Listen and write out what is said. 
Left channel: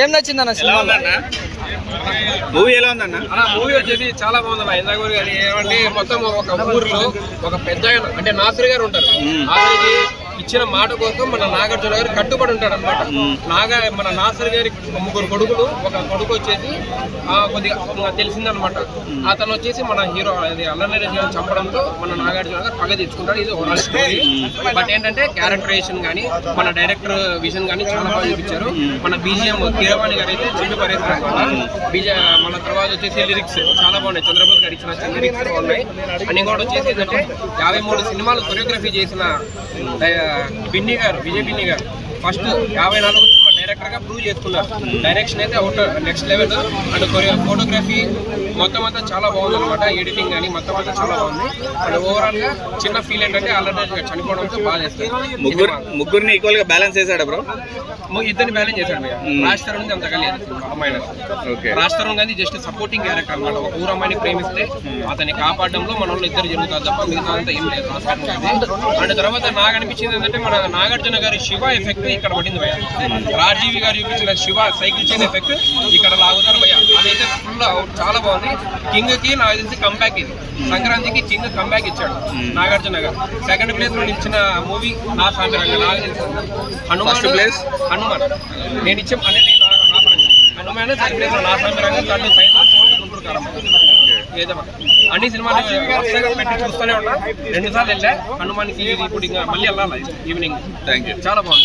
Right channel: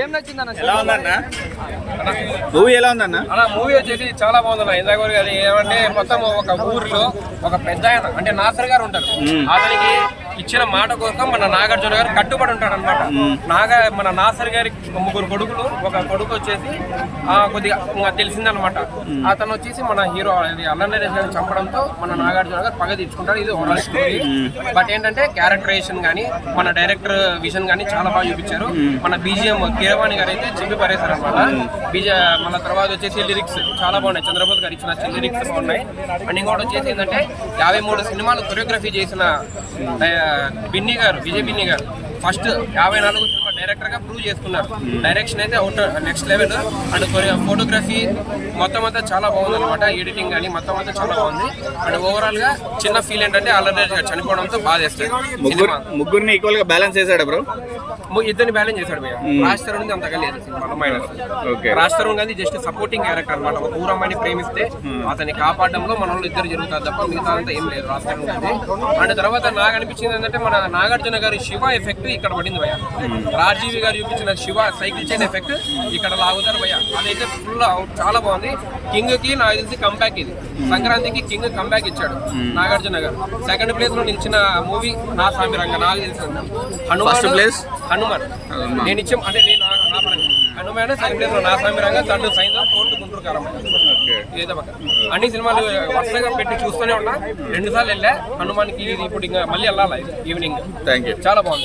ఏం నచ్చిందన్న మూవీ ఎలా ఉందన్న? మూవీ వచ్చేసి చాలా బాగుందన్న. ఇందాక అది ఏమంటే మొత్తం ఒక ఊరిలో ఒక పెద్ద ఆయన అంటే నాసర్ గారు ఉంటారు. అతనికి ఇచ్చిన మాట కోసం మన నాగార్జున గారు కట్టుబడి ఉంటాడు అనమాట. మన నాసర్ గారి 3 కొడుకులు, ఒక కొడుకు వచ్చేసి కొద్దిగా తెలిసిందనమాట. అతను వచ్చేసి మన హీరో అది అల్లరి గారిని చంపడంతో మన నాగార్జున గారు పగ తీర్చుకుంటాడు. ఇది ఓవరాల్ స్టోరీ. బట్ ఏంటంటే క్యారెక్టరైజేషన్ కానీ మన డైరెక్టర్ విజన్ కానీ చాలా బాగా చూపించారు. మన బీజిఎం కీరవాణి గారు అయితే చింపి పరేశారు అనమాట. మన తర్వాత వచ్చేసి లిరిక్స్ చాలా బాగున్నాయి. చంద్రబాబు గారు ఇచ్చిన లిరిక్స్ బాగున్నాయి. అండ్ ఇంకోటి వచ్చేసి ఏంటంటే 53 సినిమాలు కొరియోగ్రఫీ చేసిన బిన్నీ గారు, విజయ్ బిన్నీ గారు ఫస్ట్ 54 సినిమా డైరెక్టర్ గా ప్రూవ్ చేసుకున్నారు. డైరెక్షన్ అయితే out next level. And photography మొత్తం అంతా చాలా బాగుంది అనమాట. ఎడిటింగ్ కానీ మొత్తం అంతా చాలా బాగుంది. అండ్ ఓవరాల్ గా చిన్న ఫీల్ ఏంటంటే ఆల్రెడీ చనిపోవడంతో బాధ వేస్తాడు. ముగ్గురిని ఈక్వల్ గా బ్యాలెన్స్ చేశాడు బ్రో. ఇద్దరిని బ్యాలెన్స్ చేశాడు భయ్య. రాజ్ తరుణ్ అంతగా లేదు సినిమాలో minus. Raj Tarun Gandhi just supporting character అనమాట. ఒక ఊరమ్మాయిని ప్రేమిస్తే అతన్ని కాపాడడంలో మన వాళ్ళు ఇద్దరు జరుగుతారు తప్ప మిగతా అంతా ఏం లేదు రాజ్ తరుణ్ గాంధీ. అండ్ తర్వాత నాకు అనిపించింది ఏంటంటే మన నాగార్జున గారి శివ ఎఫెక్ట్ ఇక్కడ పడింది భయ్య. రాజీవి గారు చూపించిన శివ సైకిల్ చైన్ ఎఫెక్ట్ ఇక్కడ లాగుతారు భయ్య. అదైతే ఫుల్ చాలా బాగుంది. కింగ్ కి నాకు తెలిసి కంబ్యాక్ ఇది. సంక్రాంతికి కింగ్ కంబ్యాక్ ఇచ్చాడు నాగార్జున గారు. సెకండ్ ప్లేస్ లో నిలిచిన మూవీ నా స్వామి రంగ నాకు తెలిసింది హనుమాన్. నేను ఇచ్చాం అంటే నేను నా పరంగా హనుమాన్ సెకండ్ ప్లేస్ లో నా స్వామి రంగ, థర్డ్ సైన్, ఫోర్త్ గుంటూరు కారం. అన్ని సినిమాలు వరుసగా పెట్టి చూస్తూనే ఉన్నా. 2 సార్లు వెళ్ళా హనుమాన్కి. ఇప్పుడు ఇంకా మళ్ళీ వెళ్ళాలి ఈవినింగ్. Thank you. చాలా బాగుంది.